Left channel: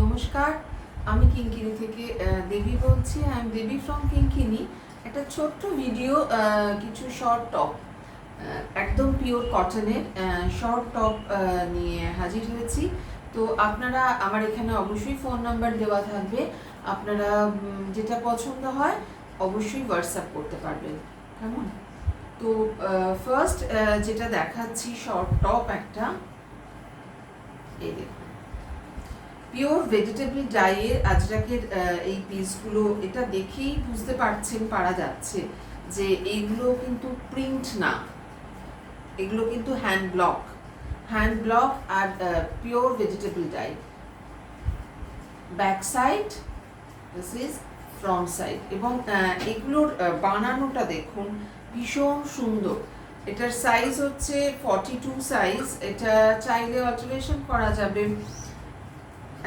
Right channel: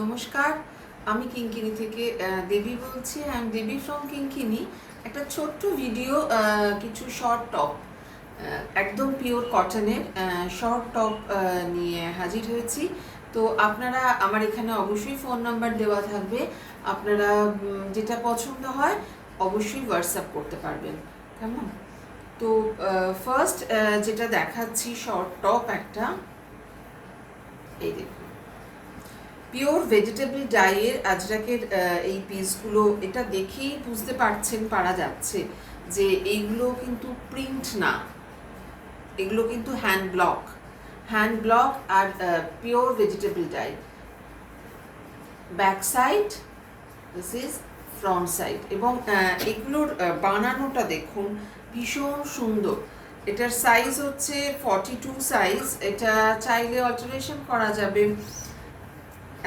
নমস্কার, আমি কিঙ্কিনি থেকে দেবী বলছি। আই এম দেবী ফ্রম কিঙ্কিনি। একটা ছোট্ট ভিডিও, কিছু শর্ট টপ, একদম পিওর কটনের শর্ট টপ নিয়ে হাজির হয়েছি। তো আপনারা, আমার এখানে অবশ্যই ফোন নাম্বার দেওয়া থাকবে, আপনারা যেটা পছন্দ হয় অবশ্যই হোয়াটসঅ্যাপ করতে পারবেন। কেমন? তো ফার্স্ট যেটা দেখাচ্ছি শর্ট টপ একটা, এই দেখুন, পিওর ভেজিটেবল ডাইয়ের আজরাকের এই পিসগুলো, এটা দেখেই বুঝতে পারা যাচ্ছে যে এইগুলো কিন্তু প্রিন্ট না, এগুলো কিন্তু হ্যান্ড ব্লক আর pure vegetable dye. Back side, this is front side, এবং এগুলোর বানানোটা দেখুন ভীষণ সুন্দর। এটার সাইজ হচ্ছে 42 সাইজ। এটা চাইলে অল্টারেশন করা যাবে,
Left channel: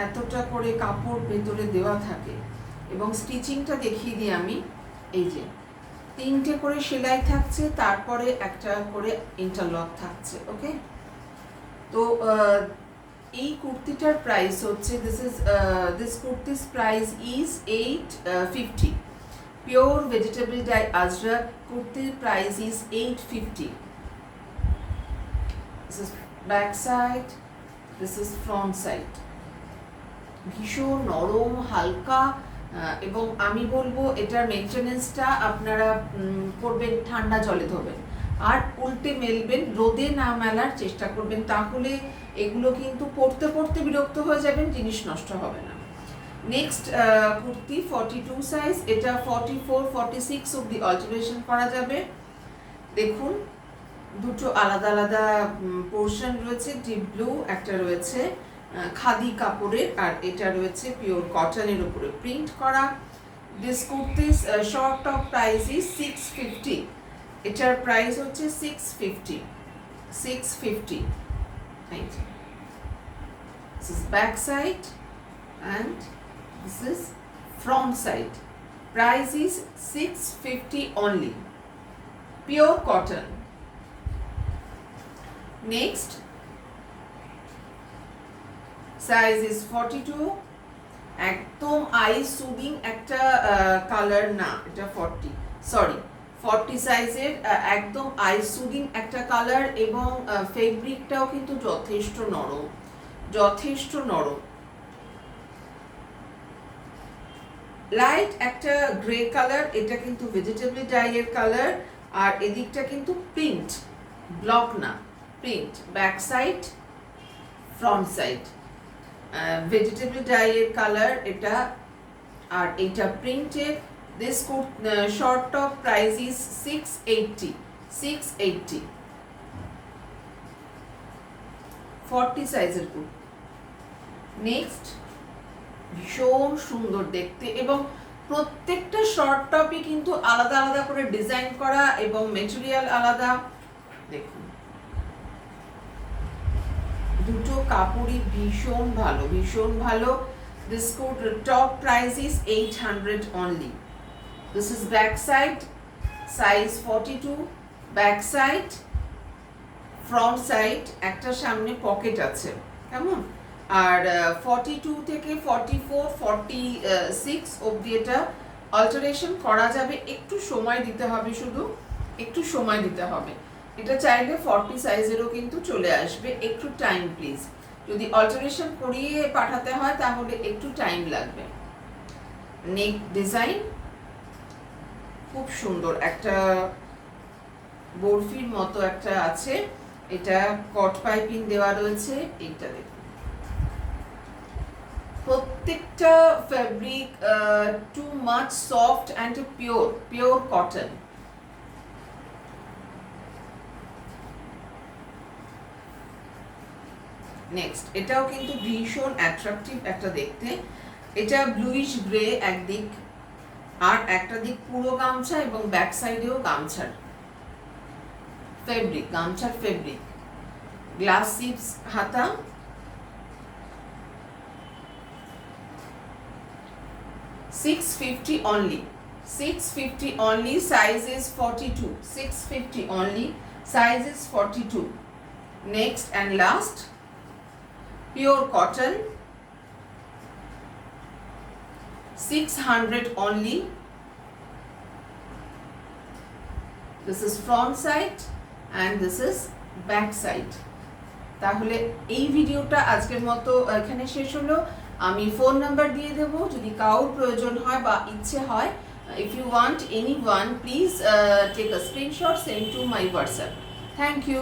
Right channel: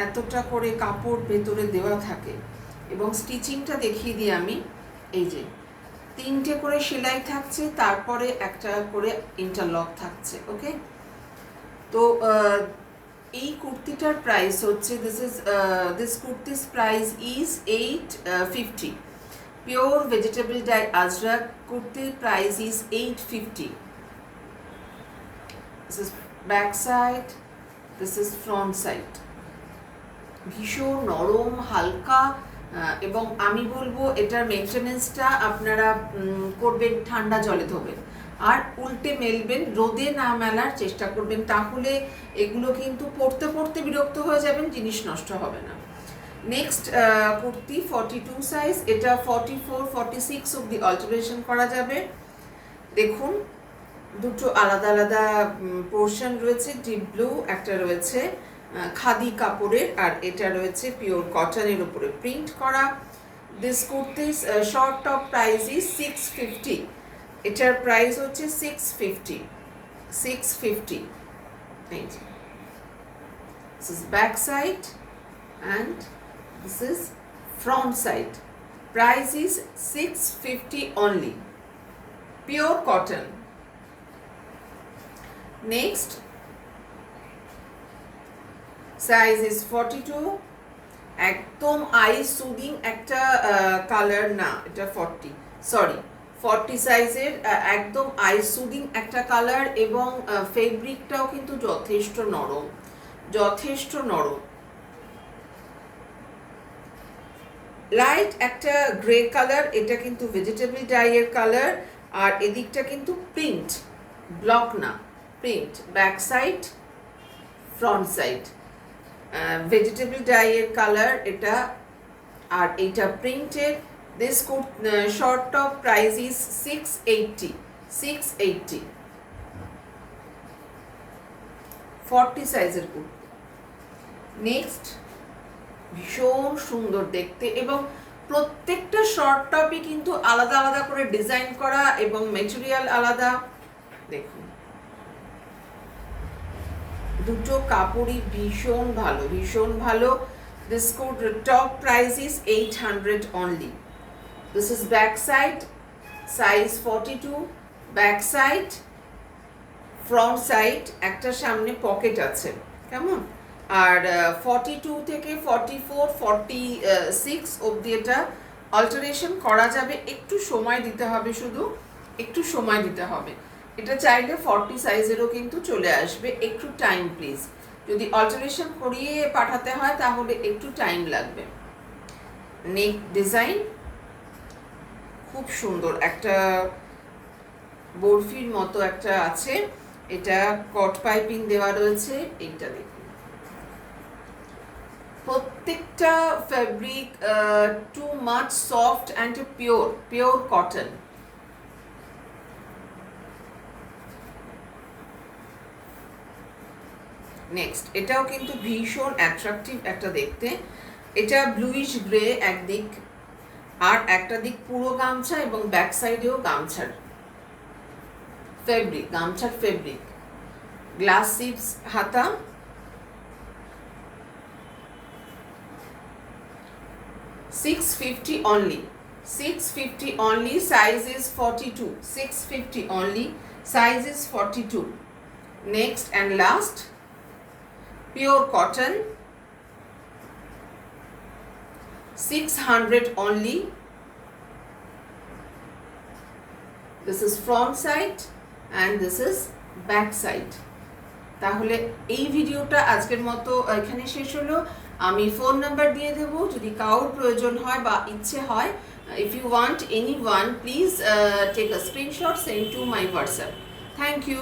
এতটা করে কাপড় ভেতরে দেওয়া থাকে। এবং স্টিচিংটা দেখিয়ে দিই আমি, এই যে 3টে করে সেলাই থাকছে, তারপরে একটা করে ইন্টারলক থাকছে। ওকে, তো এই কুর্তিটার প্রাইস হচ্ছে, this kurti's price is 850। Pure vegetable dye ajrakh কুর্তির price is 850। This is back side, this is front side. ভীষণ নরম, হালকা, এবং আমি বলবো এটার মেনটেনেন্সটা আপনারা করবেন, ঠান্ডা জলে ধোবেন আর উল্টে মেলবেন, রোদে না মেলার চেষ্টা করবেন, তাহলে এগুলো কিন্তু পরতে পরতে বিরক্ত হয়ে যাবেন, জিনিস নষ্ট হবে না। নেক্সট কুর্তি 42 সাইজ, এটা 44 46 অব্দি অল্টারেশন করা যাবে। দেখুন, দুটো আলাদা আলাদা পোর্শন রয়েছে, ডিপ ব্লু একটা রয়েছে খাদি কাপড়ের, আর এটা রয়েছে পিওর কটনের উপরে প্রিন্ট করা। This kurti's short top price is 650। এটার প্রাইস হচ্ছে 650। This is back side and this is front side. Price is 650 only. Pure cotton. Next, size is 42। একদম আই সুদিং একটা কালার না, এটা 40 সাইজের, একদম আই সুদিং একটা কালার, এবং ফেব্রিকটাও কিন্তু যথেষ্ট নরম। লাইট একটা গ্রে কালার, এটা কিন্তু ভেজিটেবল ডাইয়ের কালার, আর এদিকটা কিন্তু প্রিন্ট, ব্লক না, print. Back side, front side, vegetable ডাইয়ের কালার এটা, আর এটা প্রিন্টের। This short top price is 680। 40 সাইজের কুর্তি। নেক্সট, ভীষণ সুন্দর দেখতে, এবং প্রত্যেকটা শর্ট টপই কিন্তু আলাদা আলাদা করে ডিজাইন করা এবং মেটেরিয়াল আলাদা। দেখুন, দুটো কাপড়ই ভীষণ ভালো। This top price is 800 only. This is back side, size 42, back side, front side, একটা সামনে পকেট আছে, কেমন? আর 42 থেকে 44 46 অবধি এটা অল্টারেশন করা যাবে, একটু সময় দিতে হবে, শুধু একটু সময় দিতে হবে। এটা চাইলে 40 সাইজেরও কিন্তু চলে আসবে, একটু টাইম প্লিজ। যদি অল্টারেশন করিয়ে পাঠাতে হয় তাহলে একটু টাইম লাগবে। নেক ডিজাইন খুব সুন্দর, একটা বরফির মতো একটা আছে, এটা কট পাইপিং দেওয়া রয়েছে। এটা দেখুন, প্রত্যেকটা fabric too much soft and pure cotton. Next, এটাও কিন্তু ভীষণ অ্যাট্রাকটিভ একটা দেখতে। এটা ব্লুইশ গ্রে একদিক, আর একটা দিক পুরো গামছা, এবং ব্যাক সাইডেও গামছার ফেব্রিক, গ্লাস সিপস হাতা। $650 only. Size is 42. $650 only. Size is 42. Next and last, pure cotton, 600 only. This is front side and this is back side. তাহলে এই ভিডিওটা আজকের মতো এখানে শেষ হলো। আমি ফোন নাম্বার দিয়ে দেব, যদি কারোর প্রয়োজন হয় বা ইচ্ছে হয়, if you want anyone, please take a screenshot, send to my WhatsApp. Thank you.